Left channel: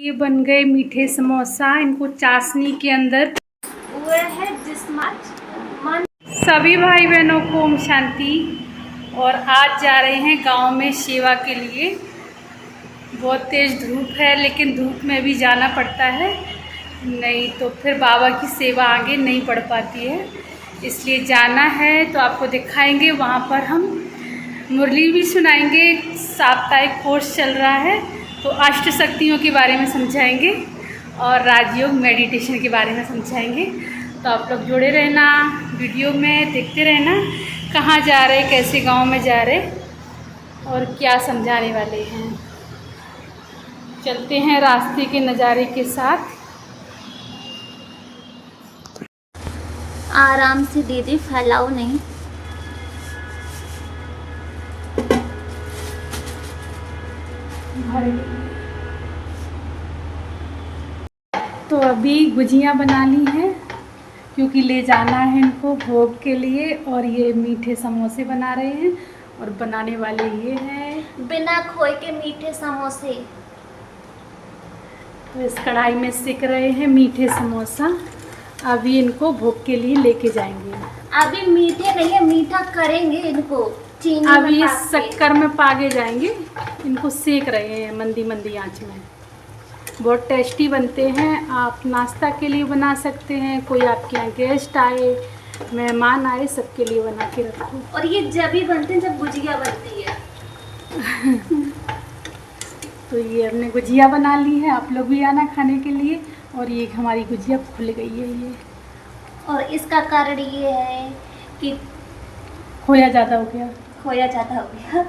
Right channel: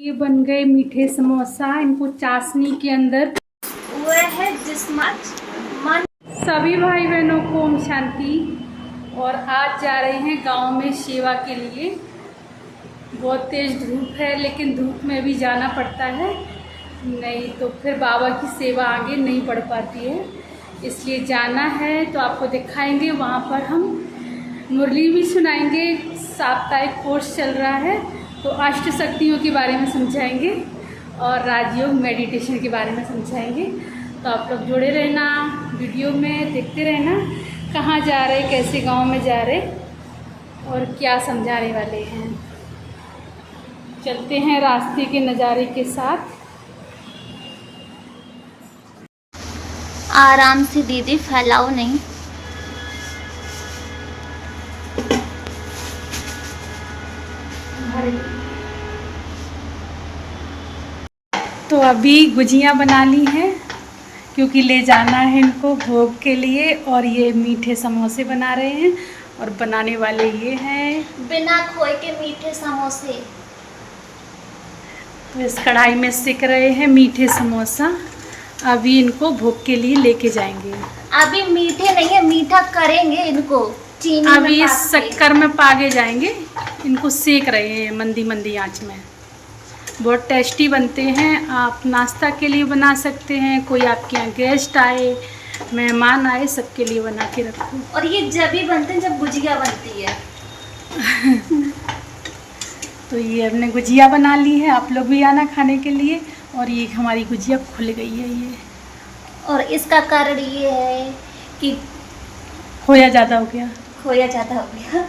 ये बन गए मीठे समोसा। इनको चाशनी के अंदर हुए है जिस्म मन। सभी भाई बहनों को ओम शांति। और आज जा रहे हैं गांव में सेवा के लिए। बहुत तेज़ धूप है, लेकिन धूप में भी जाना पड़ता है, नहीं तो फिर बाबा की सेवा आगे नहीं बढ़ पाती है, इसलिए जाना है। तो आपको दिखाएंगे, वहाँ पर हम मुरली भी सुनाएंगे। साप्ताहिक कोर्स चल रहा है, तो अष्ट शक्तियों के बारे में समझाएंगे और राजयोग मेडिटेशन के बारे में समझाएंगे। तो आप लोग जुड़े रहना, वीडियो में देखते रहना कहाँ जा रहे, कैसे गांव में जा रहे और क्या समझाने वाले हैं। चलते हैं रास्ते के नज़ारे के साथ। आराम से दीदी, फैलाओ नहीं। तो अभी गुजियाँ बना ली हैं, क्योंकि ले जाना है इनको भोग के लिए। और ये मीठे समोसे बना रहे हैं, और बनाने वाले ये हैं बिना खोए के मीठे समोसे। तो इस कढ़ाई में सेक रहे हैं मीठे समोसा। अभी इनको भोग के लिए लेके जाएंगे। अभी मीठे नहीं है, मीठा करेंगे इनको चीनी में अभी ये पाके। शक्कर में पागे जाएंगे। इनको सेक रहे हैं मंदी मंदी आंच में। बहुत टेस्टी बनते हैं। आप नाश्ता के लिए बना सकते हैं, कोई आपके यहाँ गेस्ट आए, मेहमान आए, सबके लिए बना के रखो। और ये जब ही बनते हैं जब गुजिया बनती है। तो ये हमने गुजिया बना ली है, आप लोग भी आना खाने के लिए। और ये हमारी गुजिया खुल गई है ये। और इसका कारण ये है कि खोया ज़्यादा हो गया। खोया ज़्यादा हो गया।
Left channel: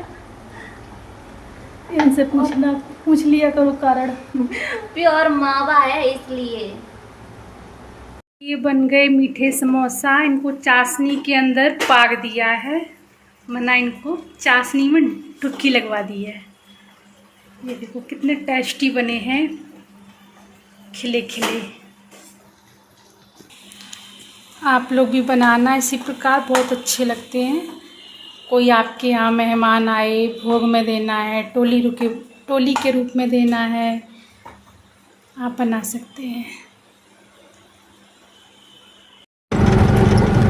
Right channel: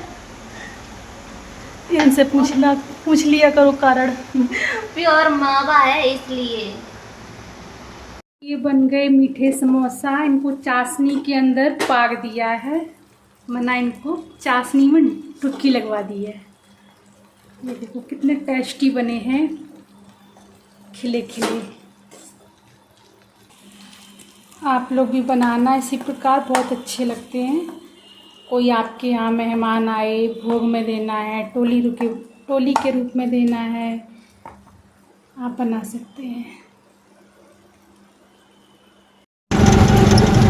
इनसे पूछ लिया करो कारण। प्योर मावा है इसलिए। ये बन गए मीठे समोसा। इनको चाशनी के अंदर पाग दिया है, मना इनको चाशनी में डुबकी लगवा दी है। ये देखो कितने टेस्टी बने हैं, खिले खिले। आप लोग भी बनाना इसी प्रकार, बहुत अच्छे लगते हैं। कोई आपके यहाँ मेहमान आए, भोग में देना है, टोली के रूप में देना है, आप बना सकते हैं।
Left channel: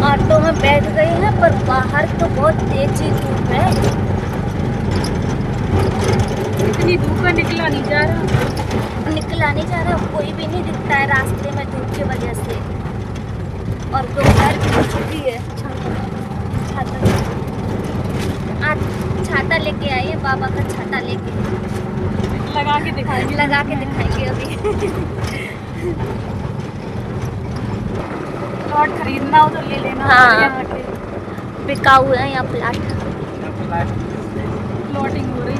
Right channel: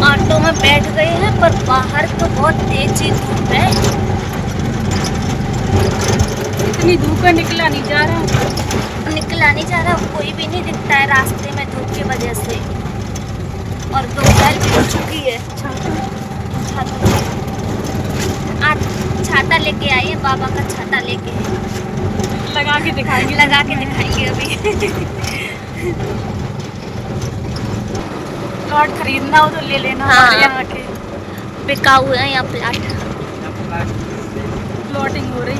ऑटो में बैठ गए हैं, पर बाहर तो बहुत तेजी धूप है। इतनी धूप में निकला नहीं जा रहा, कोई भी नहीं दिखता है रास्ते में धूप की वजह से। और दोपहर भी हो चुकी है। छाता लेके आए हैं, बाबा का छाता लेके लगा के दिखाएंगे अभी। प्लॉट खरीदना हो तो ले लेना। हाँ। यहाँ के बिकाऊ है यहाँ प्लाट। प्लॉटिंग हो रही।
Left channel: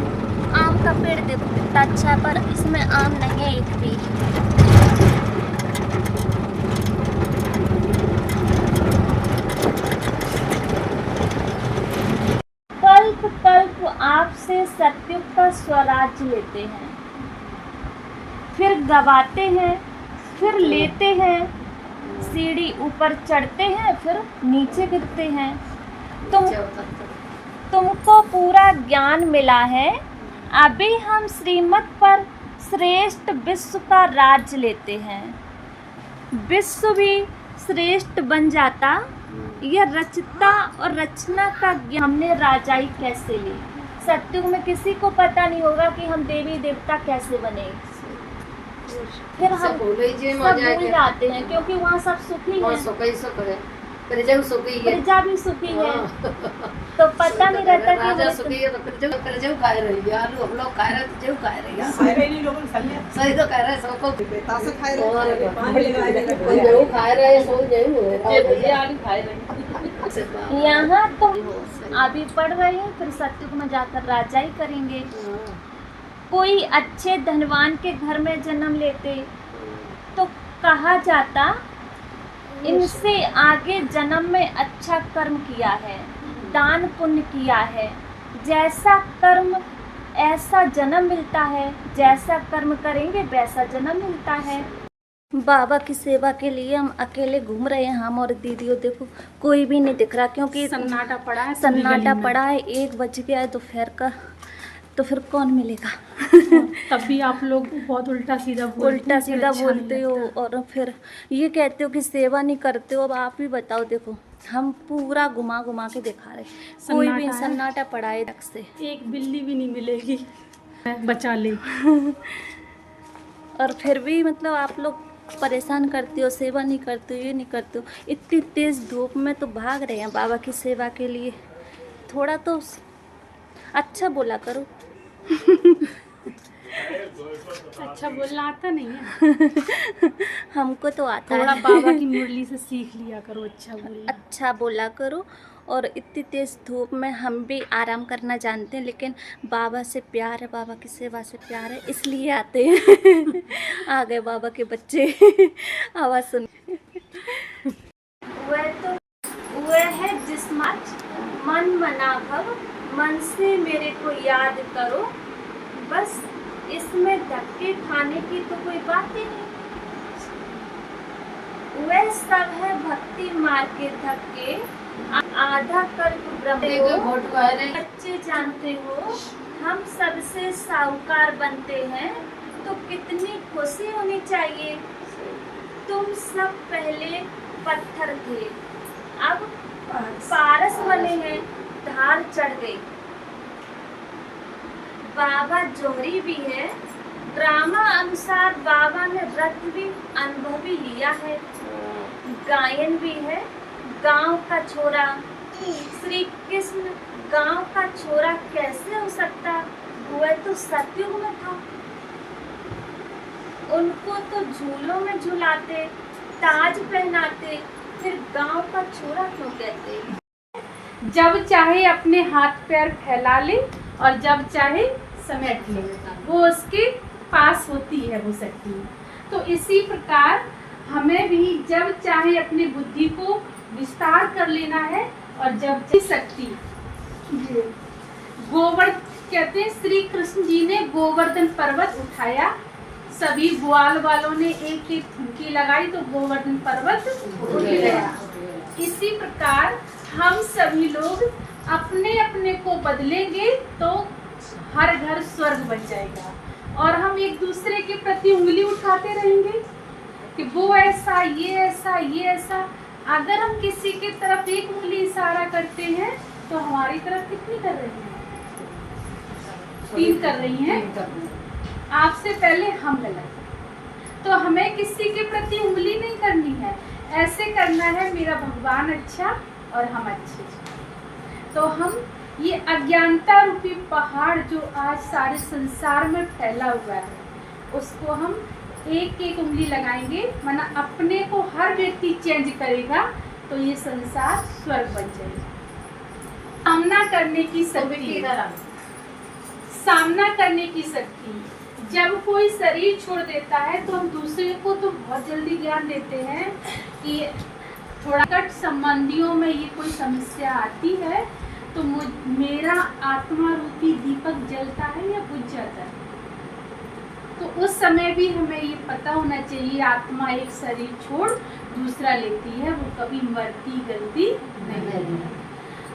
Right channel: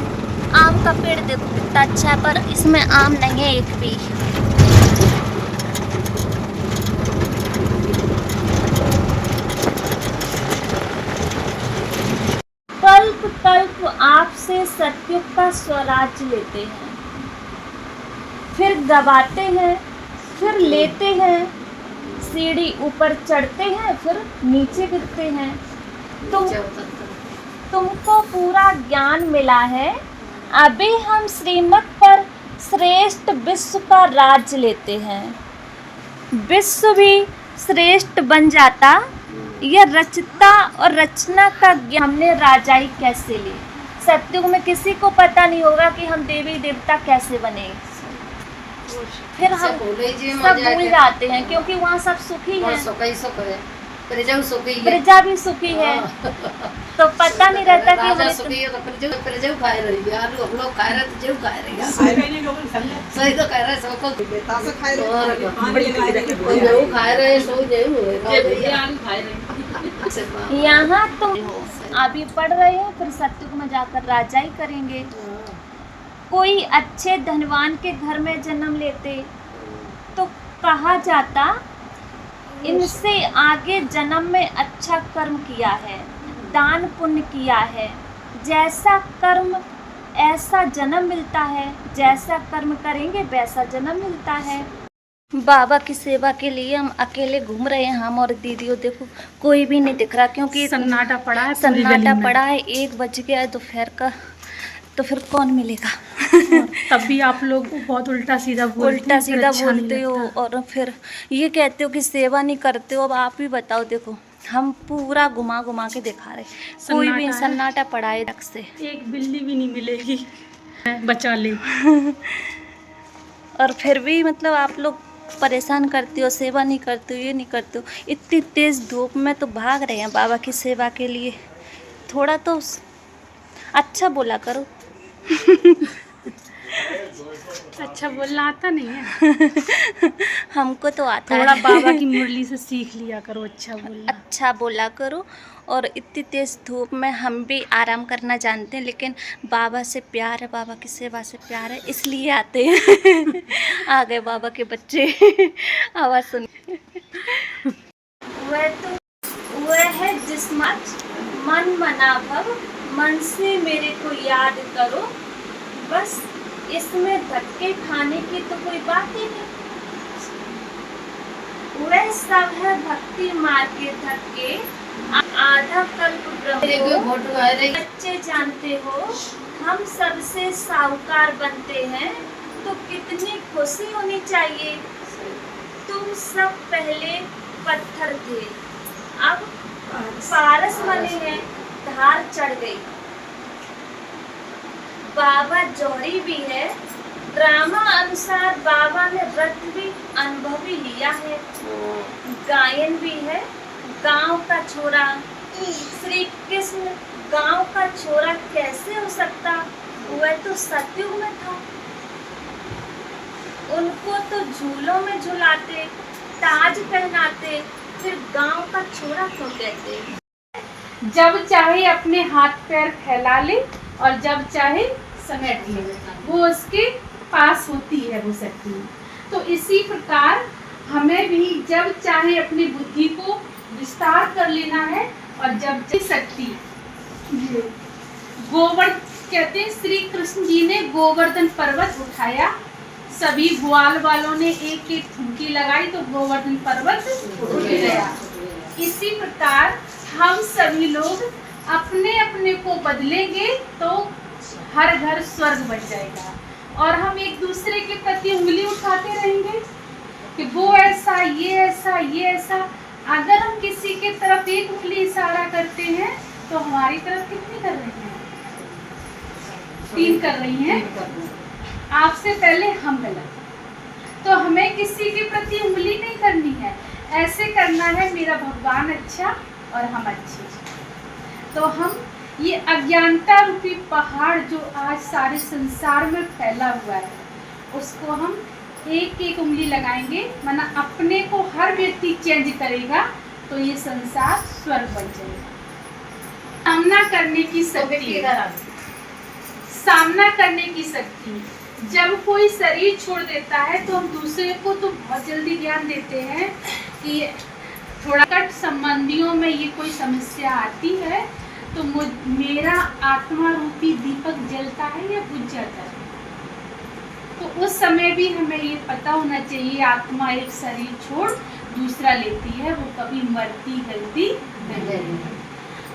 आम का पेड़ देखो कितना अच्छा है, पर इसमें आम नहीं है एक भी। कल्प कल्प आपसे सत्युग का स्वराज लेते हैं, फिर गवाते हैं, फिर लेते हैं, सीढ़ी ऊपर चढ़ते हैं, फिर नीचे गिरते हैं। तुमको पूरा ज्ञान मिला है, अभी हम श्रीमत पर श्रेष्ठ विश्व का राज लेते हैं। विश्व भी श्रेष्ठ बन जाता, यह रचता और रचना का ज्ञान हमने राजाई कैसे ली। सत्युग में किसी को पता नहीं होगा कि हम देवी देवता कैसे बने। फिर हम सब भूल जाते हैं, क्योंकि वहाँ सब सुखी है, प्रजा भी सुखी है। तो पता नहीं रहता कि यहाँ तुम अभी पढ़ रहे हो, फिर सत्युग में जाकर राजाई करेंगे। कोई अच्छे धनवान के घर में जन्म लेते तो कहा जाता इनसे आगे जन्म में अच्छा कर्म किया है, दान पुण्य किया है। जैसा कर्म ऐसा जन्म मिलता है, जैसा कर्म करेंगे वैसा जन्म मिलता है। बाबा की सेवा के लिए हम अकेले घूम रहे हैं, हम और दीदियों। देखो कोई भी नहीं दिख रहा, क्योंकि सन्नाटा पड़ा है। 1 बज गया है दोपहर का। तो फिर कौन मिलेगा। तब भी आप लोग बहुत उल्टा सीधा उल्टा सीधा बोलते हो और फिर ये कहते हो कि सेवा नहीं करते हो। अब आप ही बताओ, देखो हम पूरा घुमा घुमा के दिखा रहे, कोई भी सन्नाटा पड़ा है तक से, एक बिल्ली भी नहीं मिलेगी बचा ले। और फिर भी मतलब आप लोग परेशान करते हो, सेवा नहीं करते हो, ये नहीं करते हो। इतनी तेज़ धूप में तो भाग रहे हैं बाबा की सेवा के लिए, थोड़ा तो अच्छा बोला करो। अच्छा बोलना आता नहीं है। हमको तो आता थोड़ा है। बाबा की मुरली से सीख लिया करो अच्छा बोलना। अच्छा बोला करो। और इतनी तेज़ धूप में हम भी आराम करना जानते हैं, लेकिन बाबा से प्यार है, बाबा की सेवा से प्यार है, इसलिए आते हैं। आ गए बाबा के बच्चे। आवाज़ सुन। वह है जिस्मत मन मना भव, मन से मेरे को याद करो, बस इसमें धक्के खाने की तो कोई बात ही नहीं। वह सब है भक्ति मार के धक्के, आधा कल्प ब्रह्म बच्चे जानते हो, हम सबसे साहूकार बनते हैं तो कितनी खुशी होनी चाहिए। तुम सब पहले पत्थर थे, अब पारस बने हैं, धार चढ़ गई। बाबा जौहरी भी है, ड्रामा अनुसार बाबा ने रथ भी अनुभवी लिया है। गायन भी है, गांव का छोरा श्री कृष्ण गांव का छोरा कैसे हो सकता, वह तो सतयुग में था। उनको तो झूलों में झुलाते, ताज पहनाते, फिर गांव का छोरा क्यों कहते। जब चाहे अपने हाथ पैर फैला ले और जब चाहे समेट ले, वो उसके पास होती है वो शक्ति। तो इसी प्रकार हमें भी जब चाहे अपनी बुद्धि को विस्तार कर लेना है और जब चाहे शक्ति। गोवर्धन कहते हैं श्री कृष्ण जी ने गोवर्धन पर्वत उठाया, सभी ग्वाल वालों ने एक एक ठुमकी लगाई तो गोवर्धन पर्वत उठ गया। इसी प्रकार हम सभी लोग अपने अपने को बदलेंगे तो हर घर स्वर्ग बन जाएगा। और हम एक दूसरे के प्रति उंगली उठाते रहेंगे कि वो ऐसा, ये ऐसा, ये ऐसा। अगर हम किसी के तरफ एक उंगली इशारा करते हैं तो हमारी तरफ कितनी कर रही हैं? 3 कर रही हैं। आपसे पहले हम गलत। तो हमें किसी के प्रति उंगली नहीं करनी है, ऐसे करना है मेरा भगवान अच्छा और हम अच्छे। तो हम ये अज्ञानता रूपी पहाड़ जो आज सारे संसार में फैला हुआ है, उसको हम एक एक उंगली लगाएंगे, माना अपने को हर व्यक्ति चेंज करेगा तो ये संसार स्वर्ग बन जाएगा। सामना करने की शक्ति, सामना करने की शक्ति। जब कोई शरीर छोड़ देता है तो हम दूसरे को तो बहुत जल्दी ज्ञान देते हैं कि थोड़ा कट संबंधियों में ये कोई समस्या आती है तो मेरा आत्मा रूपी दीपक जलता है या बुझ जाता है। तो उस समय भी हमें ये पता होना चाहिए आत्मा एक शरीर छोड़ दूसरा लेती है, वो कभी मरती गलती नहीं है।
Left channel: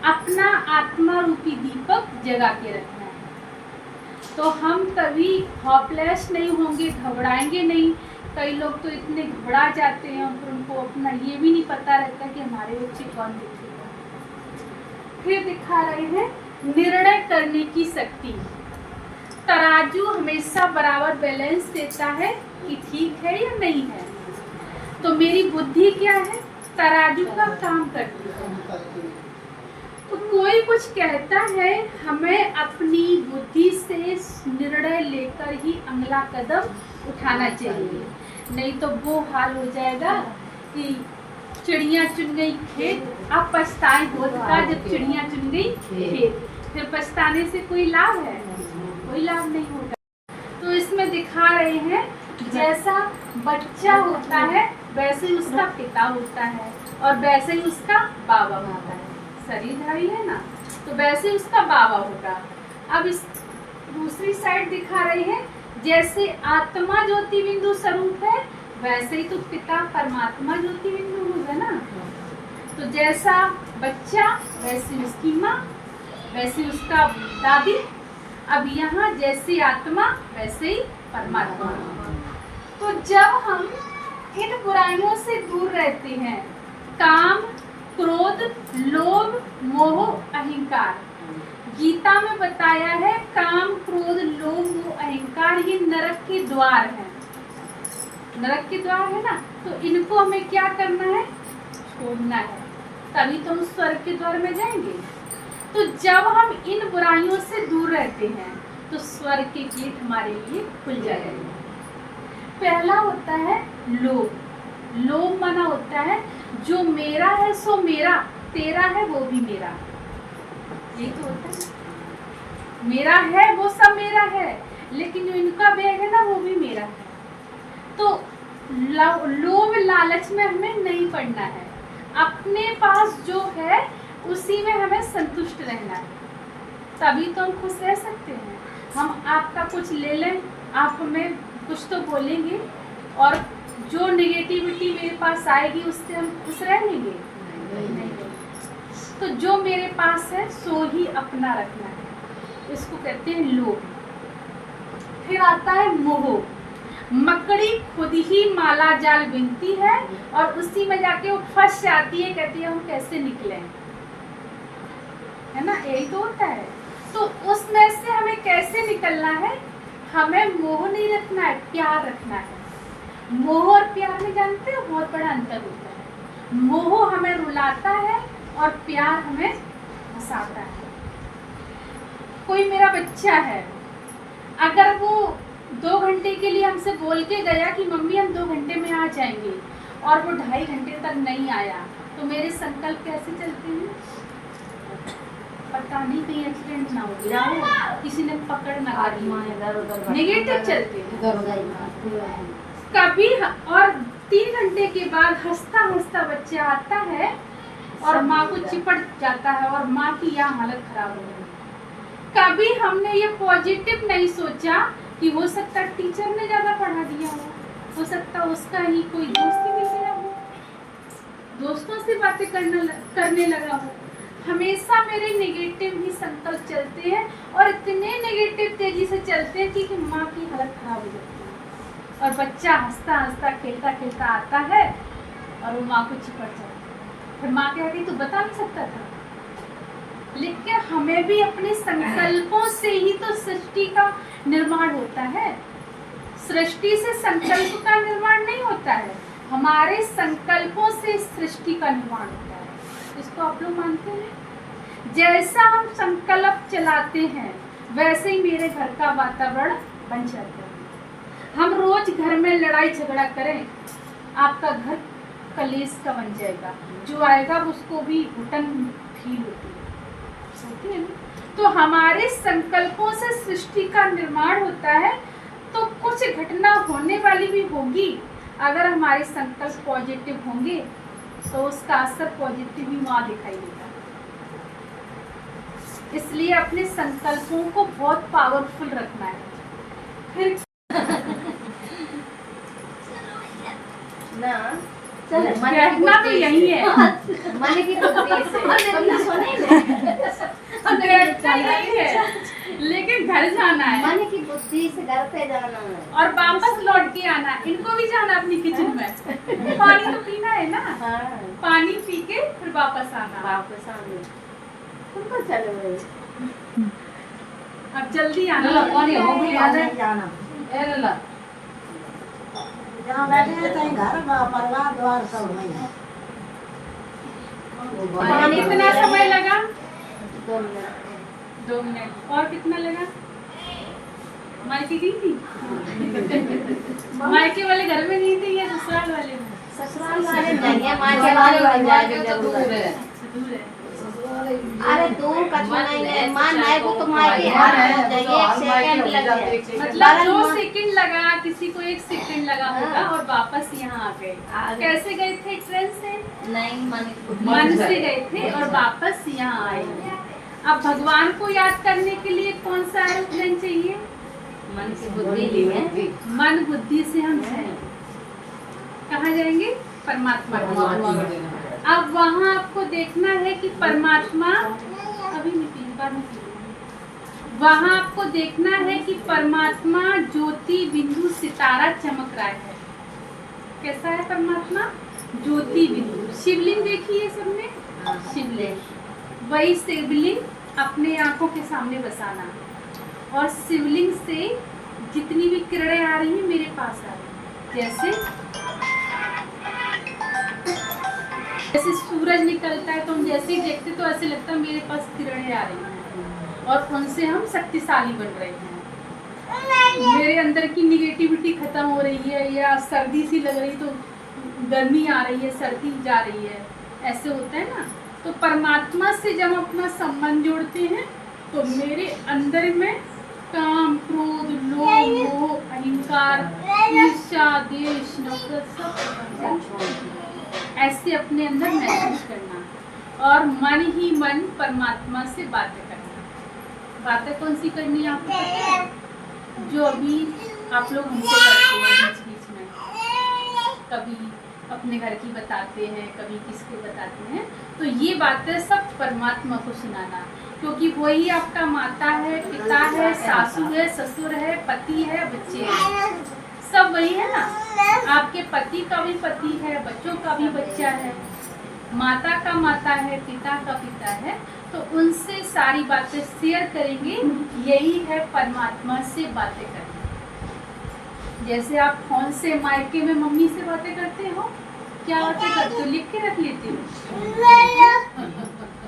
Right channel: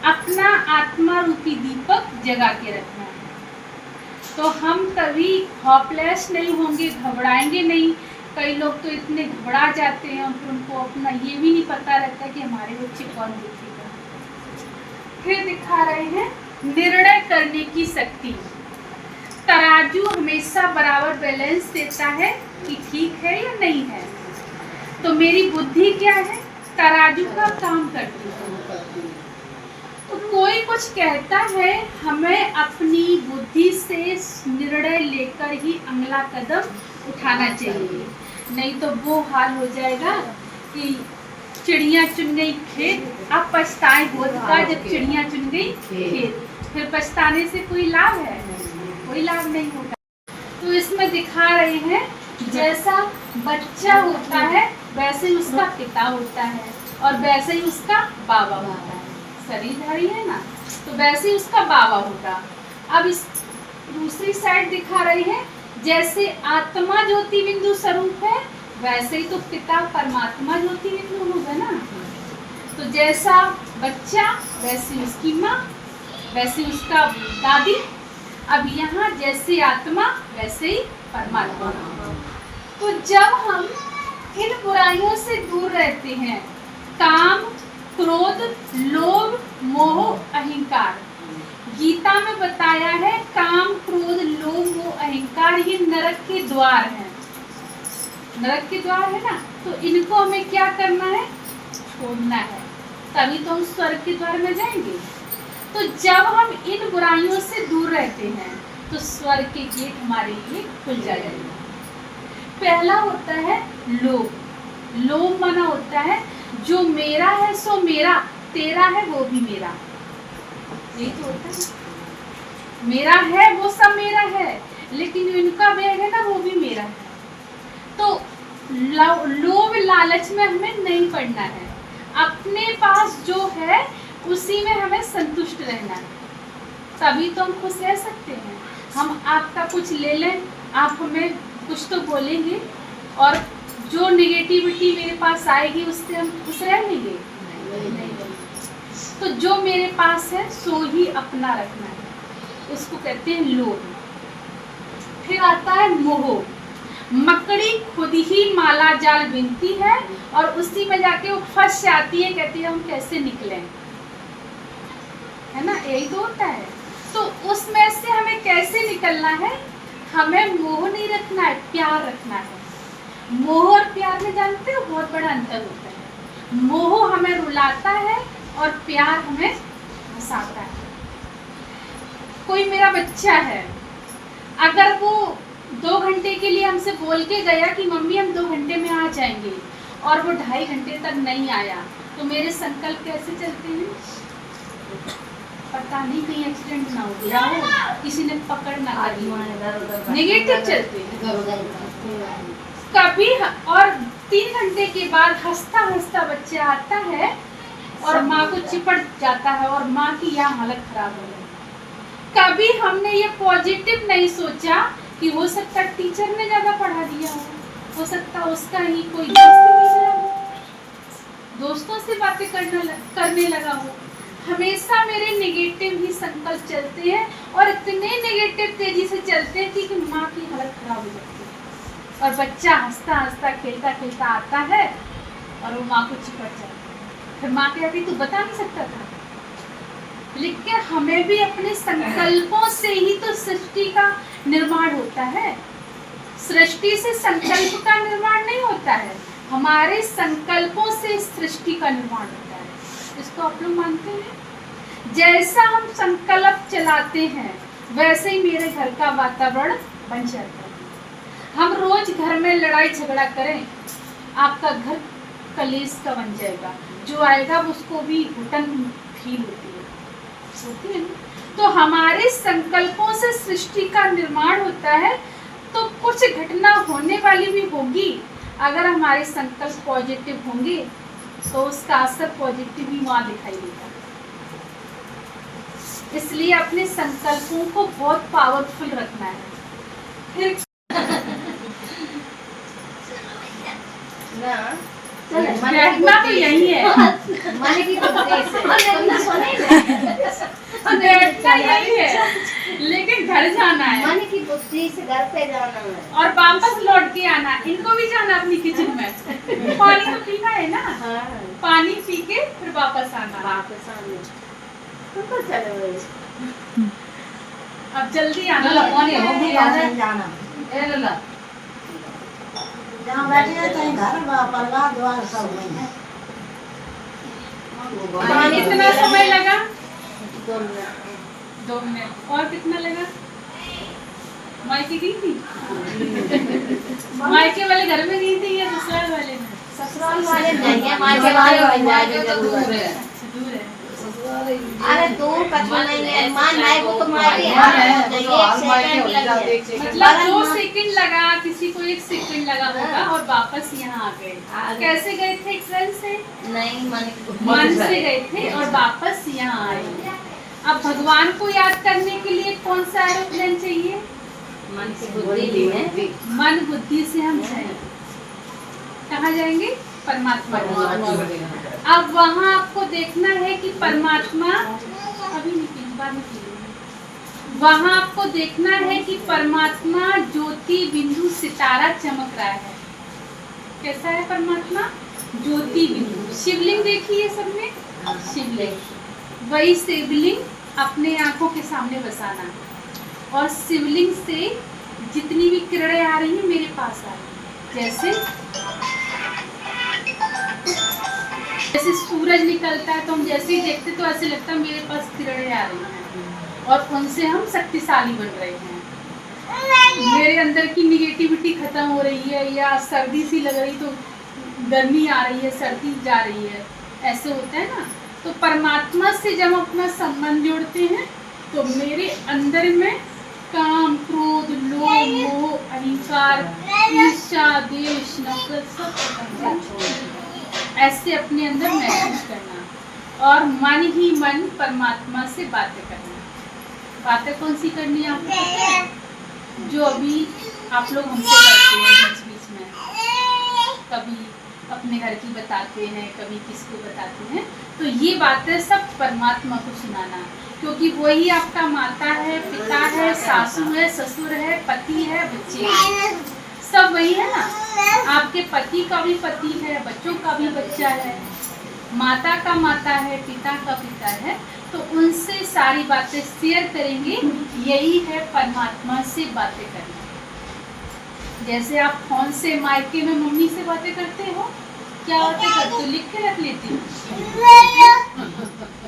अपना आत्मा रूपी दीपक जगा के रखना है। तो हम कभी हॉपलेस नहीं होंगे, घबराएंगे नहीं। कई लोग तो इतने घबरा जाते हैं और फिर उनको अपना ये भी नहीं पता रहता कि हमारे बच्चे कौन देखेगा। फिर दिखा रहे हैं निर्णय करने की शक्ति। तराजू हमेशा बराबर बैलेंस देता है कि ठीक है या नहीं है। तो मेरी बुद्धि क्या है? तराजू का काम करती है। तो कोई कुछ कहता है, हमें अपनी बुद्धि से निर्णय लेकर ही अगला कदम उठाना चाहिए, नहीं तो वो हाल हो जाएगा कि चिड़िया चुन गई खेत, अब पछताए होता जब चिड़िया चुन गई खेत। फिर पछताने से कोई लाभ है? कोई लाभ नहीं होगा। तो इसमें दिखा रहे हैं जैसा बच्चा होता है वैसे ही उसका पिता होता है और वैसे ही उसका बाबा होता है। शरीरधारी है ना, तो वैसे ही उसका बाबा होगा। अब इस दूसरी साइड दिखा रहे हैं जैसे आत्मा ज्योति बिंदु स्वरूप है वैसे ही तो पिता परमात्मा ज्योति बिंदु होगा ना। तो जैसा बच्चा वैसे उसकी माँ, वैसे उसका दादी अब यहाँ जैसे आत्मा वैसे ही परमात्मा। तो जब हम इन बुराइयों से दूर रहते हैं, काम, क्रोध, लोभ, मोह, अहंकार, गीता में बताया है काम, क्रोध, लोभ, मोह, अहंकार ये नरक के द्वार हैं। नरक के द्वार है ना, तो इनको हमें क्या करना है? छोड़ना है, तभी तो हम स्वर्ग के द्वार में जाएंगे। तो जब हम इन बुराइयों से दूर रहते हैं तो स्वर्ग के गेट हमारे लिए खुल जाएंगे। पहला होता है लोभ। लोभ माना होता है जो मेरा है सो मेरा, तेरा है वो भी मेरा। यही तो होता है, मेरा है वो सब मेरा है, लेकिन इनका बैग है ना वो भी मेरा है। तो लोभ लालच में हमें नहीं पड़ना है, अपने पास जो है उसी में हमें संतुष्ट रहना है, तभी तो हम खुश रह सकते हैं। हम आपका कुछ ले लें, आप हमें कुछ तो बोलेंगे और जो नेगेटिविटी मेरे पास आएगी उससे हम खुश रह लेंगे? नहीं। तो जो मेरे पास है सो ही अपना रखना है, उसको कहते हैं लोभ। फिर आता है मोह। मकड़ी खुद ही माला जाल बिनती है और उसी में जाके वो फंस जाती है, कहती है हम कैसे निकलें, है ना, यही तो होता है। तो उसमें से हमें कैसे निकलना है? हमें मोह नहीं रखना है, प्यार रखना है। मोह और प्यार में जानते हो बहुत बड़ा अंतर होता है। मोह हमें रुलाता है और प्यार हमें हंसाता है। कोई मेरा बच्चा है, अगर वो 2 घंटे के लिए हमसे बोल के गया कि मम्मी हम 2 घंटे में आ जाएंगे और वो 2.5 घंटे तक नहीं आया, तो मेरे संकल्प कैसे चलते हैं? पता नहीं कहीं एक्सीडेंट ना हो गया हो, किसी ने पकड़ ना कर ली, नेगेटिव चलते हैं कभी। और 3 घंटे के बाद हंसता हंसता बच्चा आता है और माँ को चिपट जाता है और माँ की यहाँ हालत खराब हो गई। कभी हमने ये पॉजिटिव नहीं सोचा कि हो सकता टीचर ने ज्यादा पढ़ा दिया हो सकता उसका ही कोई दोस्त मिल गया हो, दोस्तों से बातें करने लगा हो। हमेशा मेरे नेगेटिव ही संकल्प चलते हैं और इतने नेगेटिव तेजी से चलते हैं कि माँ की हालत खराब हो जाती है और बच्चा हंसता हंसता खेलता खेलता आता है और वो माँ को चिपट जाता है। फिर माँ कहती तू बता नहीं सकता था। लेकिन हमें भी अपने संकल्पों से ही तो सृष्टि का निर्माण होता है। सृष्टि से संकल्प का निर्माण नहीं होता है, हमारे संकल्पों से सृष्टि का निर्माण होता है। इसको आप लोग मानते हैं? जैसा हम संकल्प चलाते हैं वैसे ही मेरे घर का वातावरण बन जाता है। हम रोज घर में लड़ाई झगड़ा करें, आपका घर कलेश का बन जाएगा, जो आएगा उसको भी घुटन फील होती है ना? तो हमारे संकल्पों से सृष्टि का निर्माण होता है। तो कुछ घटना होने वाली भी होगी, अगर हमारे संकल्प पॉजिटिव होंगे तो उसका असर पॉजिटिव ही वहाँ दिखाई देगा। इसलिए अपने संकल्पों को बहुत पावरफुल रखना है। फिर बैठना तो यही है, मन की बैठना यही है, लेकिन घर जाना है, मन की बुद्धि से घर पे जाना है और वापस लौट के आना है। इनको भी जाना अपनी किचन में, पानी तो पीना है ना, हाँ पानी पी के फिर वापस आना। वापस आने उनको चले गए अब जल्दी आना, जाना जहाँ बैठे तो घर परिवार द्वार सब है। पानी कितना समय लगा? 2 मिनट 2 मिनट। और कितना लगा? मायके गई थी? मायके वाले घर में गई थी या ससुराल वाले में? ससुराल वाले नहीं है, मायके वाले बन जाएंगे जरूर है। दूर है। अरे दूर कछ नहीं है, मान आए वो तो मायके हाथ में जाइए, 1 सेकंड लगे। मतलब 2 सेकंड लगा, किसी को 1 सेकंड लगा होगा और वापस यहाँ आ गए। कैसे गए थे? ट्रेन से? नहीं, मन से गए थे और वापस यहाँ आए। अब भगवान को याद करने के लिए कौन सा एरोप्लेन चाहिए? मन से बुद्धि ली है, मन बुद्धि से हम जाएंगे। कहाँ जाएंगे? परमात्मा की। अब वहाँ आपको देखना है कि परमात्मा अभी नहीं पी, बाद में पी। वहाँ आपको देखना है कि परमात्मा ज्योति बिंदु सितारा चमक रहा है। कैसा है परमात्मा? ज्योति बिंदु। शिवलिंग देखिए सब में, शिवलिंग। वही शिवलिंग अपने आंखों के सामने बसाना और शिवलिंग से जितनी भी किरणें आ रही हैं मेरे पास आ रही हैं। जैसे सूरज निकलता है तो हम जैसे ही देखते तो ऐसे लगता है मेरे पास किरणें आ रही हैं और उनसे हम शक्तिशाली बन रहे हैं। मेरे अंदर की निगेटिविटी खत्म हो रही है या सर्दी सी लग रही तो गर्मी आ रही है, सर्दी जा रही है, ऐसे होता है ना। तो परमात्मा से जब हम अपना संबंध जोड़ते हैं तो मेरे अंदर में काम, क्रोध, लोभ, मोह, अहंकार, ईर्ष्या, द्वेष, नफरत सब खत्म हो जाता है। ऐसे अपने अंदर महसूस करना और मन ही मन परमात्मा से बातें करना। बातें कौन सी करनी है आपको पता है? जो अभी आप लोग हमसे करते हैं बीच बीच में, कभी अपने घर की बताते हैं, कभी किसको बताते हैं, तो ये बातें सब परमात्मा को सुनाना, क्योंकि वही आपका माता है, पिता है, सासू है, ससुर है, पति है, बच्चे हैं, सब वही है ना। आपके पति का भी पति है, बच्चों का भी बच्चा है, माता का माता है, पिता का पिता है, तो उनसे सारी बातें शेयर करेंगे। यही है परमात्मा से बातें करना। जैसे आप फोन से मायके में मम्मी से बातें करते हो, क्या बातें करते हो? लिख के रख लेते हो,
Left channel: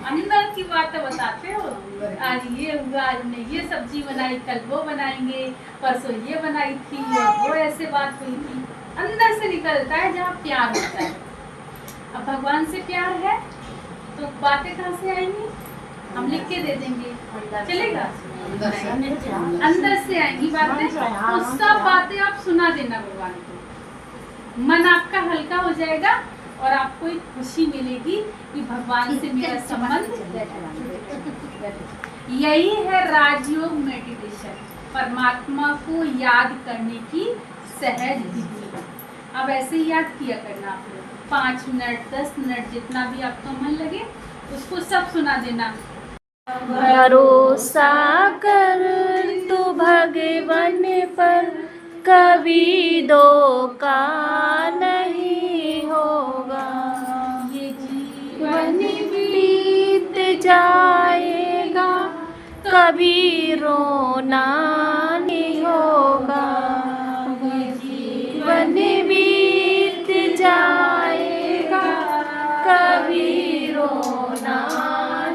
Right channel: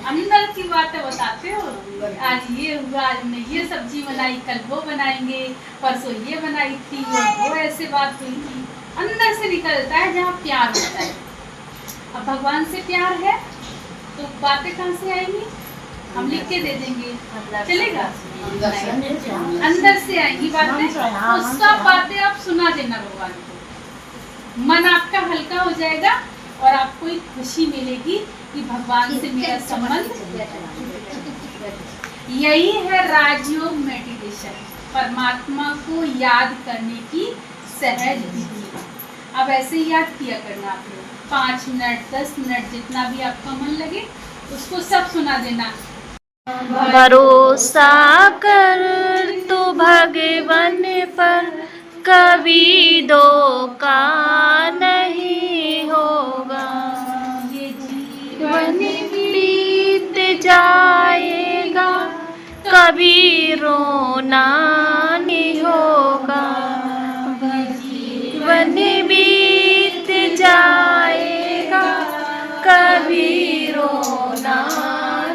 अंदर की बातें बताते हो। आज ये हुआ, आज हमने ये सब्जी बनाई, कल वो बनाएंगे, परसों ये बनाई थी, वो ऐसे बात हुई थी। अंदर से निकलता है जहाँ प्यार होता है। अब भगवान से प्यार है तो बातें कहाँ से आएंगी? हम लिख के दे देंगे, चलेगा? अंदर से आएंगी बातें, तो सब बातें आप सुना देना भगवान को। मन आपका हल्का हो जाएगा और आपको एक खुशी मिलेगी कि भगवान से मेरा संबंध। यही है राजयोग मेडिटेशन, परमात्मा को याद करने की सहज विधि। अब ऐसे ही याद किया करना आप लोग, 5 मिनट 10 मिनट जितना भी आपका मन लगे उसको सब सुना देना। भरोसा कर तू भगवान पर, कभी धोखा नहीं होगा। ये जीवन बीत जाएगा, कभी रोना नहीं होगा। जीवन बीत जाएगा, कभी रोना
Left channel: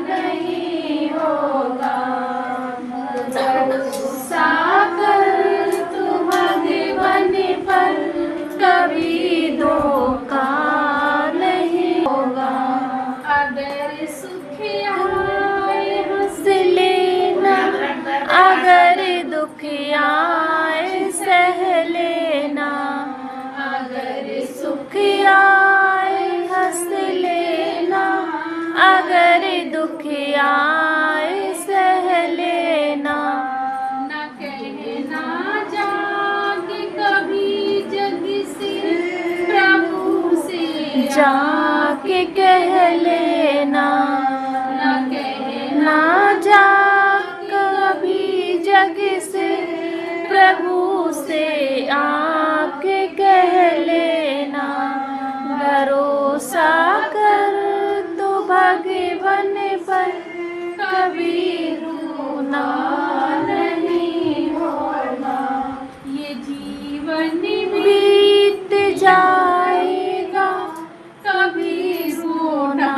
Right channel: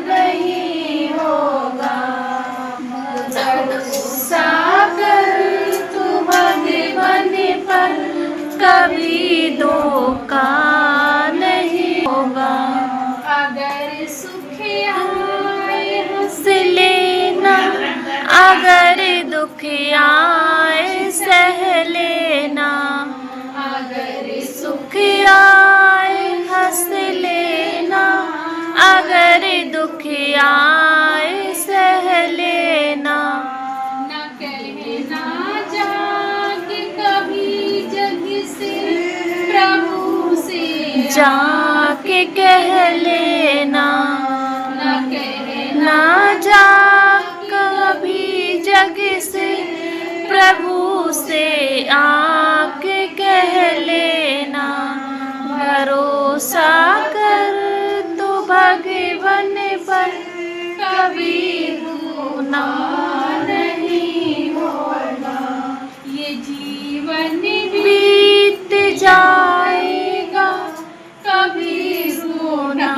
नहीं होगा। भरोसा कर तू भगवान पर, कभी धोखा नहीं होगा। अगर सुख आए हंस लेना, अगर दुख आए सह लेना। अगर सुख आए हंस लेना, अगर दुख आए सह लेना। न कहना जाके कभी जग से, प्रभु से जाके कह लेना। न कहना ना जा कभी जग से, प्रभु से आके कह लेना। भरोसा कर तो भगवान पर, कभी रोना नहीं होगा। ये जीवन बीत जाएगा, कभी रोना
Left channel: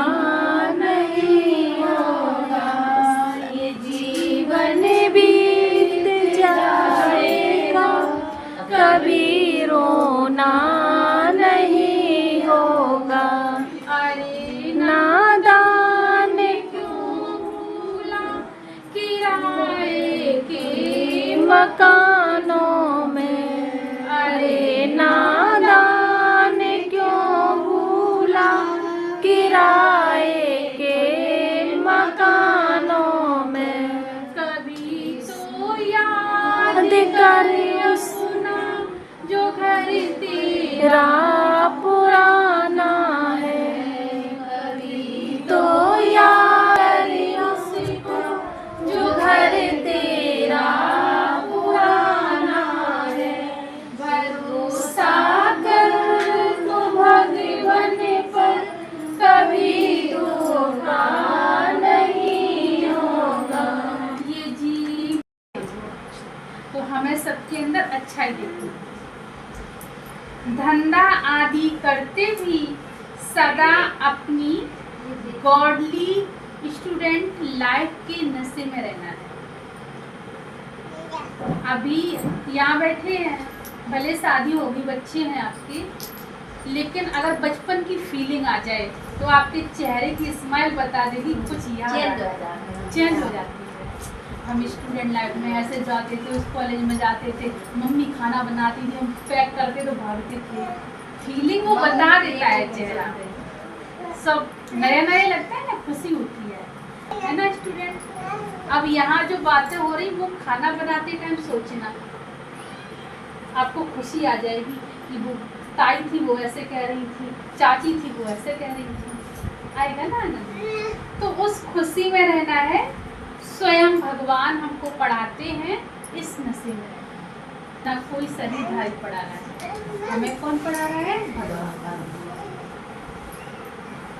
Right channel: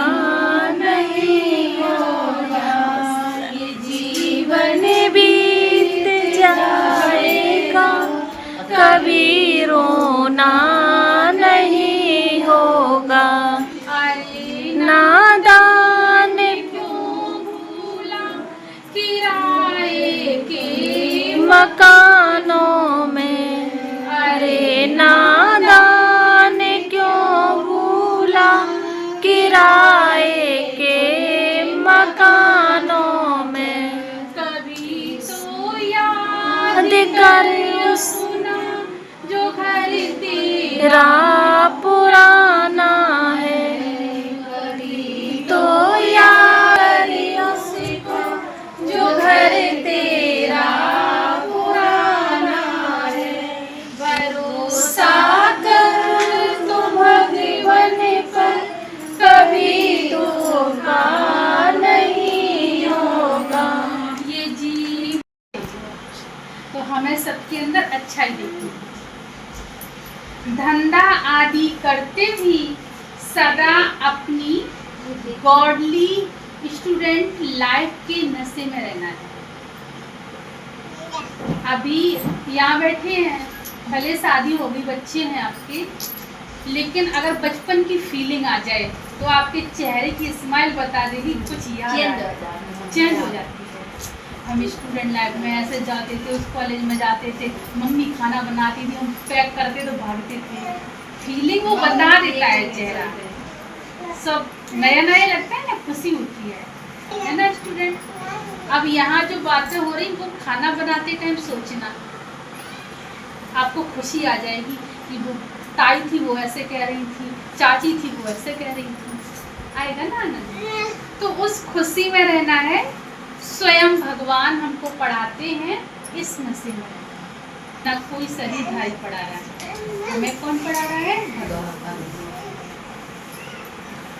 नहीं होगा। ये जीवन बीत जाएगा, कभी रोना नहीं होगा। अरे नादान क्यों भूला किराए के मकानों में, अरे नादान क्यों भूला किराए के मकानों में। कभी तो याद कर सुना जो घर तेरा तेरा पुराना है, तो यार उसको जो घर तेरा धंधा आदि करते भी सदा अपनी गॉडली स्टूडेंट लाइफ के नशे में रहना है। अभी यहाँ बैठे हैं, भले शादी होगी, बच्चे हैं आपके, लेकिन अगर बचपन की फीलिंग आ जाए तो आपके चेहरे की स्माइल बता देगी कुछ याद चेंज हो जाती है। हम स्टूडेंट लाइफ में ऐसे जाते थे, उस कॉलेज में जाते थे, मम्मी खाना बनाती थी, हम पैक करते तो भागते थे। फीलिंग वो बता देता है चेहरा, सब नया नया लगता है ना, खुशी होती है ना स्टूडेंट। अब यहाँ जो बातें हो रही वो खाना बनाते टाइम सोचना, आपको खुशी आ जाएगी कि वो ताई थी वो ऐसे कह रही थी, चाची थी वो ऐसे कह रही थी, आएगा ना आनंद। तो उस खुशी में रहना है। स्वयं भगवान हमको पढ़ाते हैं इस नशे में, ना कोई शरीरधारी पढ़ा रहा है, हमें कौन पढ़ा रहा है? भगवान।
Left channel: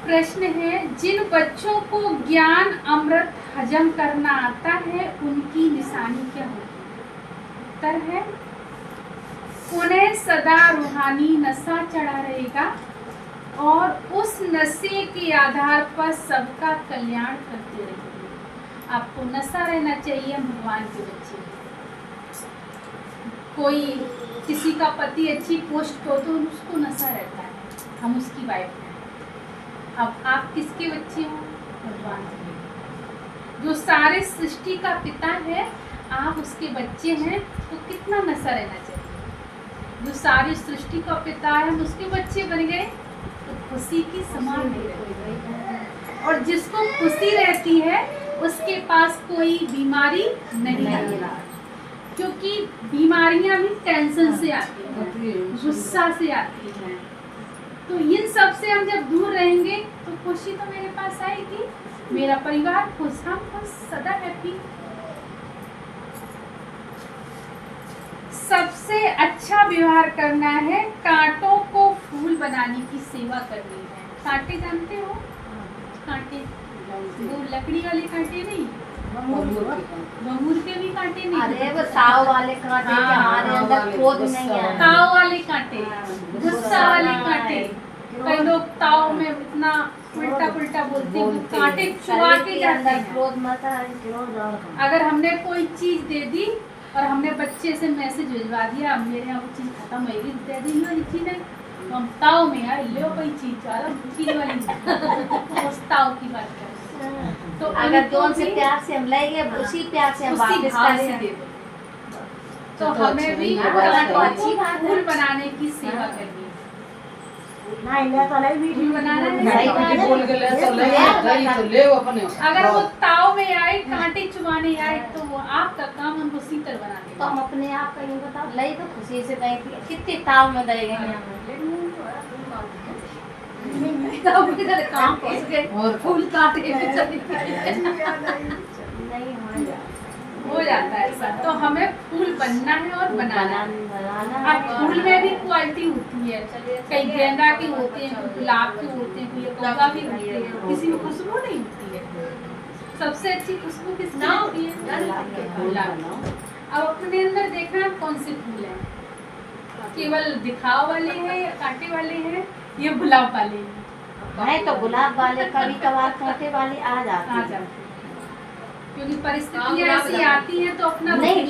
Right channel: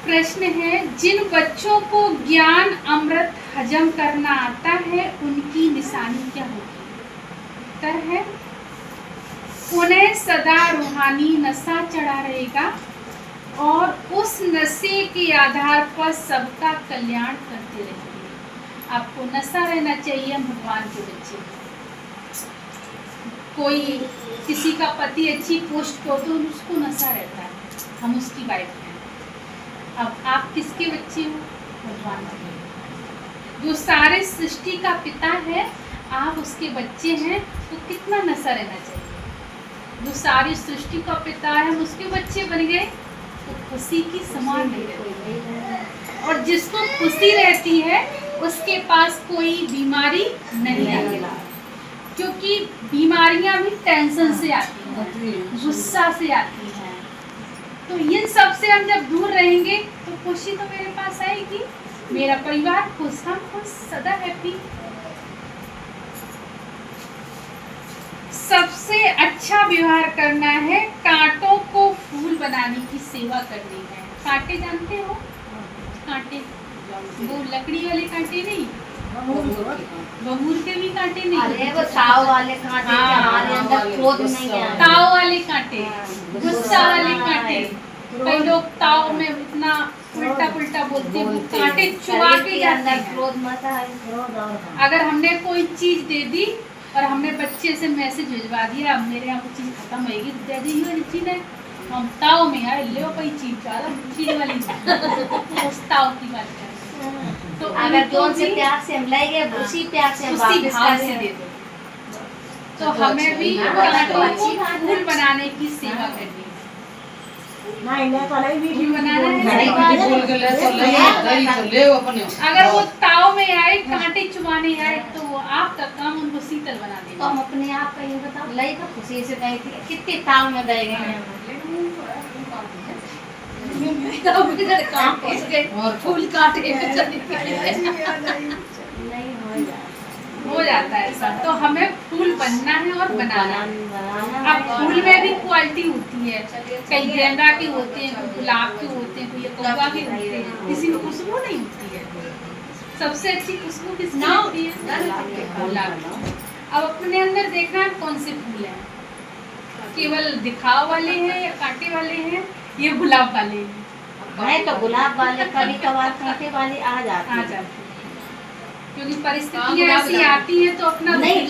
प्रश्न है, जिन बच्चों को ज्ञान अमृत हजम करना आता है उनकी निशानी क्या होगी? उत्तर है, उन्हें सदा रूहानी नशा चढ़ा रहेगा और उस नशे के आधार पर सबका कल्याण करते रहेंगे। आपको नशा रहना चाहिए भगवान के बच्चे। कोई किसी का पति अच्छी पोस्ट पर तो उसको नशा रहता है, हम उसकी वाइफ हैं। अब आप किसके बच्चे हो? भगवान के। जो सारे सृष्टि का पिता है, आप उसके बच्चे हैं, तो कितना नशा रहना चाहिए। जो सारी सृष्टि का पिता है, हम उसके बच्चे बन गए तो खुशी की समान नहीं रहती। और जिसको खुशी रहती है उसके पास कोई बीमारी नहीं आती, क्योंकि बीमारियां भी टेंशन से आती हैं, गुस्सा से आती हैं। तो इन सब से हम जब दूर रहेंगे तो खुशी तो मेरे पास आएगी, मेरा परिवार खुश, हम खुश, सदा हैप्पी। सबसे अच्छा व्यवहार करना है, कांटों को फूल बनाने की सेवा करनी है। कांटे जानते हो? कांटे, वो लकड़ी वाले कांटे नहीं, बबूल के भी कांटे नहीं, अरे वो ताव वाले कांटे हमारे अंदर क्रोध नहीं है। ताव वाले कांटे, गुस्सा वाले कांटे। कई लोग ताव में इतना उल्टा पुल्टा बोलते हैं, वो कांटे चुभा के जाते हैं। क्रोध मत है। अगर हमने कोई चीज दे दी और हमने बच्चे से मैसेज भिजवा दिया, मेरे यहाँ वो चीज़ खत्म होगी, दे दी वाली चीज़ है, हम ताव में आए ले कोई चीज़ ज़्यादा चीज़ वाली उस ताव की बात करें। तो अगर जोन से प्यार से हम लेंगे, उसी प्यार से हम उसी वापस भाव से करेंगे। दे दो। तो हमें भी कांटों को फूल बनाने की सेवा करनी है। फूल बनाना है, सही बात है। अगर वो ताव में आए, कांटे चुभाने आए, तो वो आपका काम उनको शीतल बना तो देगा। हम अपने आप का ये बताओ, लई तो खुशी से गई थी, कितने ताव में दे गए काम पहुंच गए और फूल काट के नहीं हो जाता है ऐसा। तो हमें फूल बनना है और बनाना है। अब फूल में भी क्वालिटी होती है, कई गेंदा के होते हैं, कोई गुलाब के होते हैं, कोई कौवा के होते हैं, किसी में खुशबू नहीं होती है। सबसे अच्छी खुशबू किसकी होती है? गुलाब। अब अपने अंदर देखना है कौन से फूल हैं, केवल दिखाव वाले हैं या कांटे वाले हैं, ये गुलाब वाले हैं। तो गुलाब वाले कभी कभार कांटे वाले आ जाते हैं, क्योंकि परिस्थितियाँ ऐसी आती हैं तो अपना नहीं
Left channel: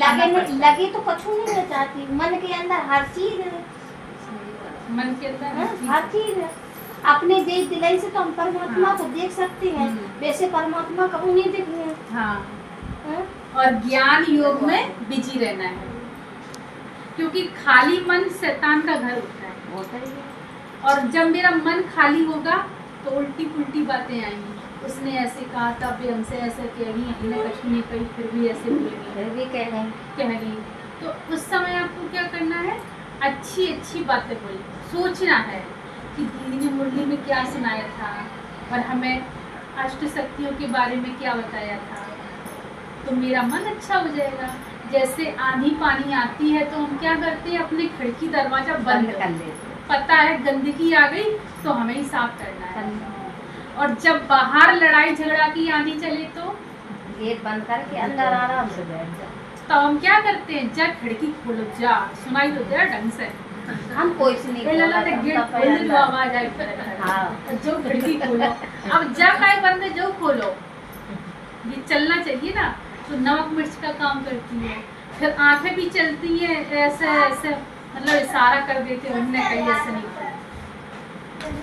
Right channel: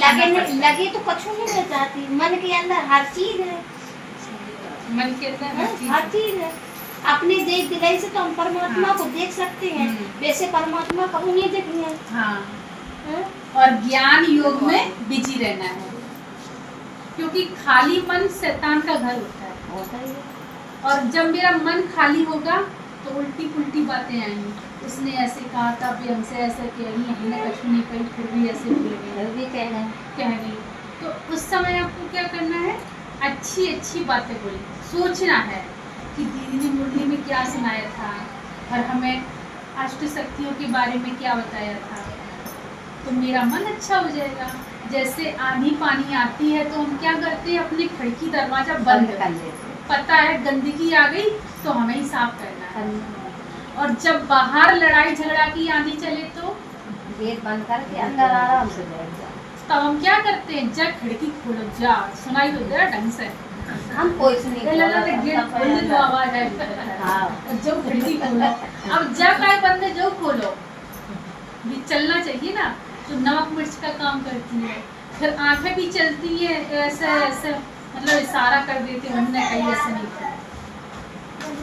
लगे तो कुछ नहीं रह जाती। मन के अंदर हर चीज है, मन के अंदर हर चीज है। अपने देख दिलाई से तो हम परमात्मा को देख सकते हैं, वैसे परमात्मा कभी नहीं देखे हैं। हाँ, और ज्ञान योग में बिजी रहना है, क्योंकि खाली मन शैतान का घर होता है। और जब मेरा मन खाली होगा तो उल्टी पुल्टी बातें आएंगी, उसने ऐसे कहा था, भी हमसे ऐसा किया, हमने कुछ नहीं कही, फिर भी ऐसे बोलेंगे, कह गई। तो उस समय आपको क्या करना है? अच्छी अच्छी बातें बोली, सोचना है कि दीदी ने मुरली में क्या सुनाया था और हमें अष्ट शक्तियों के बारे में क्या बताया था, तो मेरा मन अच्छा हो जाएगा। जैसे आंधी पानी आती है तो हम क्या करते हैं? अपने खिड़की दरवाजा बंद कर देते हैं, पता है गंदगी आ गई तो हमें ही साफ करना है। और जब बाहर लड़ाई झगड़ा की आंधी चले तो गेट बंद करके अंदर आराम से बैठ जाओ। तो हम क्या करते हैं? जा खिड़की खोलो, जा सुनाई तो दे ढंग से, हम कोई से नहीं लगा तो गेट खोल दे तो आवाज आई। हाँ जो खिड़की खोलो, अब जब आए बंदे जो खोलो, ये चलना चाहिए ना, तो नमक मिर्च का काम करती है। फिर आंखें भी चलती हैं ऐसे ऐसे, मतलब इशारा कर देते हैं, उन्होंने कहीं ऐसे नहीं किया।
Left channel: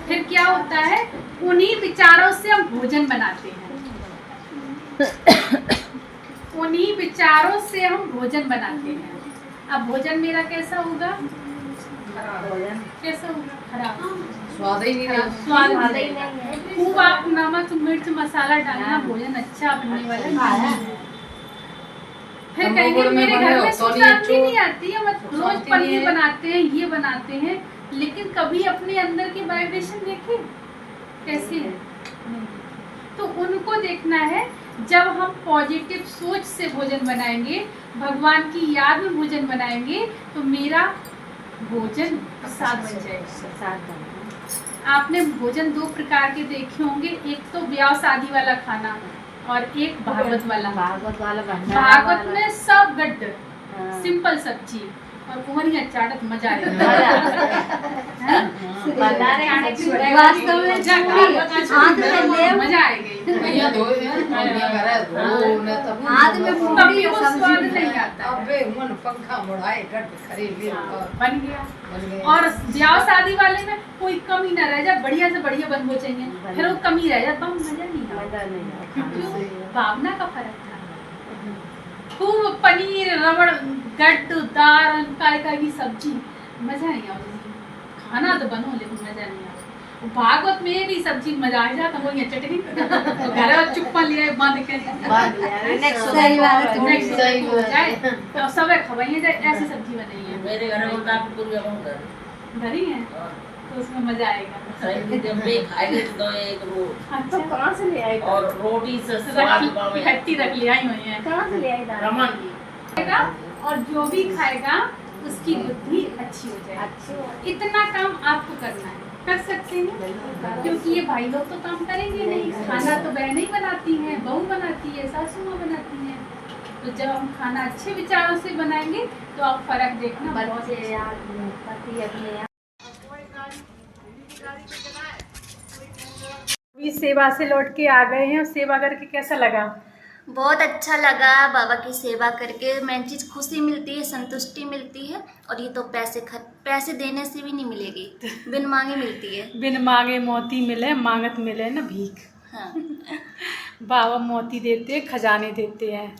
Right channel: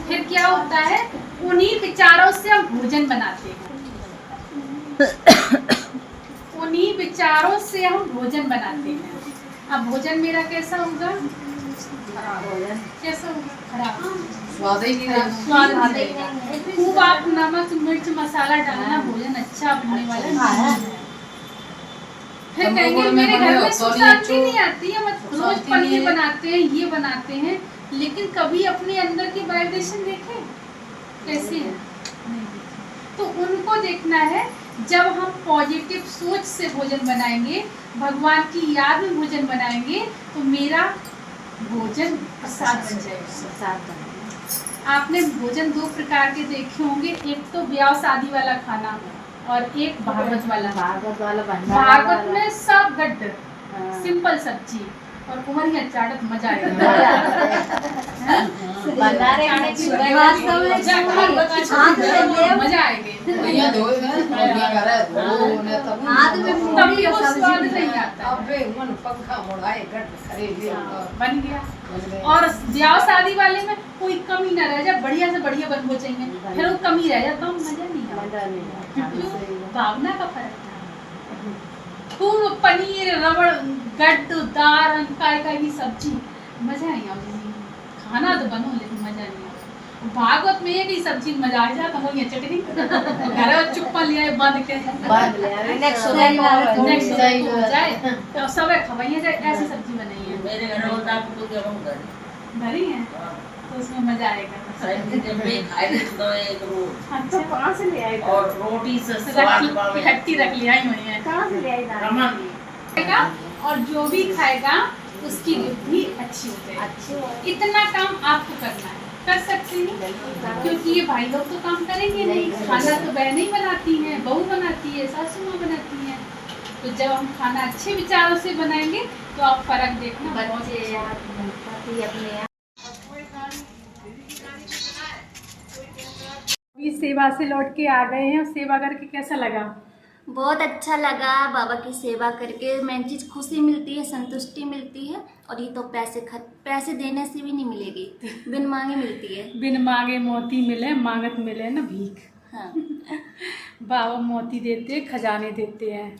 फिर क्या होता है, उन्हीं विचारों से हम भोजन बनाते हैं, उन्हीं विचारों से हम भोजन बनाते हैं। अब भोजन मेरा कैसा होगा, कैसा होगा, खराब, स्वाद ही नहीं खराब, स्वाद नहीं रहेगा। खूब आप नमक मिर्च मसाला डालना, भोजन अच्छा बनने वाला नहीं है। फिर कहेंगे मेरे घर में सुख शांति नहीं आती है, मत रोज पनीर बनाते हैं, ये बनाते हैं, लेकिन कभी अपने अंदर की वाइब्रेशन देखे कैसी है। तो उनको देखना है। जब हम पॉजिटिव सोच से भोजन बनाएंगे, भगवान की याद में भोजन बनाएंगे, तो मेरा भोजन प्रसाद बन जाएगा। आपने भोजन दो प्रकार के देखे होंगे, एक तो ब्याह शादी वाला खाना और एक भागवत वाला। भागवत में सब गड्ढ, सिंपल सब्जी और उमरिया चाटत मजा आएगा। मजा आएगी, भैया धोए हैं भैया करे धो ने तब तब भी वो स्वाद नहीं आता है। अबे मन पंखा बढ़ाए गट अरे ये बन गया। और ब्याह शादी वाले में कोई कमी ना रह जाए, बढ़िया से बढ़िया बनना चाहिए, फिर वो कमी रह जाए, बम मजा नहीं आता। भावना का फर्क था। खूब पनीर रबड़ गड्ढ दार काय की सब्जी, मजा नहीं आता। खाना तो बनो लेकिन मजा नहीं आता। भागवत में एक ही सब्जी मजा आ जाता, वो ये चटनी घर में चुप्पा लिया बंद के नेक्स्ट सही हो जाए तो सब खवाइए जाए, ऐसी सब्जी बनाई है मेरे घर में आप तो भरी है, तो उसमें मजा आएगा। अच्छा कहाँ से ले आए? और रोटी से स्वाद खट्टी रख ले आई हुई है। कहाँ से ले आई दाल? खाएगा और जो भी खाएगा उसकी बुद्धि अच्छी हो जाएगी। अच्छी हो। इतना काम आपको करना है, कर सकते हैं, क्योंकि ये भाई लोग तो काम करेंगे नहीं। खाना तो बहनें ही बनाती हैं, बहू बनाती है, सासू माँ बनाती हैं। तो जब हम खाना अच्छे विचारों से बनाएंगे तो आप फर्क देखना। बच्चे यार पति अपने अभी सेवा से लौट के आ गए हैं, और सेवा करके कैसा लगा? बहुत अच्छा लगा बाबा की सेवा करके। मेन चीज़ खुशी मिलती है, संतुष्टि मिलती है, और ये तो पैसे देने से भी नहीं मिलेगी, बिन मांगे मिलती है। बिन मांगे मोती मिले, मांगत मिले न भीख। हाँ। बाबा मोती देते, खजाने देते हैं।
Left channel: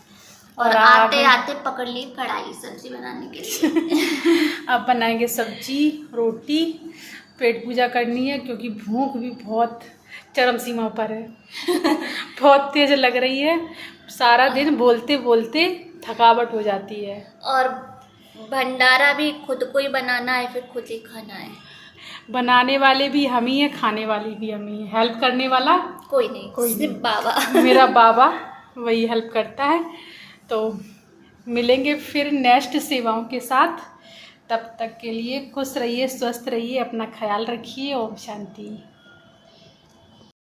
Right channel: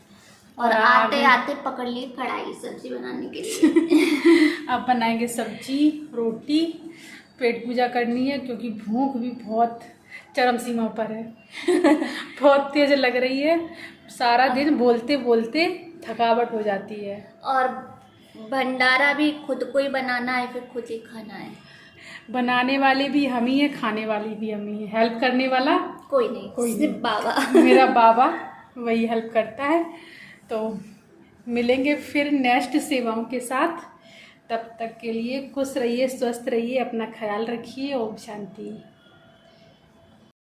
और आते आते पकड़ ली कढ़ाई सब्जी बनाने के लिए। अब बनाएंगे सब्जी रोटी, पेट पूजा करनी है, क्योंकि भूख भी बहुत चरम सीमा पर है। बहुत तेज लग रही है, सारा दिन बोलते बोलते थकावट हो जाती है। और भंडारा भी खुद को ही बनाना है, फिर खुद ही खाना है। बनाने वाले भी हम ही हैं, खाने वाली भी हम ही हैं। हेल्प करने वाला कोई नहीं, सिर्फ बाबा। मेरा बाबा वही हेल्प करता है। तो मिलेंगे फिर नेक्स्ट सेवाओं के साथ। तब तक के लिए खुश रहिए, स्वस्थ रहिए, अपना ख्याल रखिए। ओम शांति।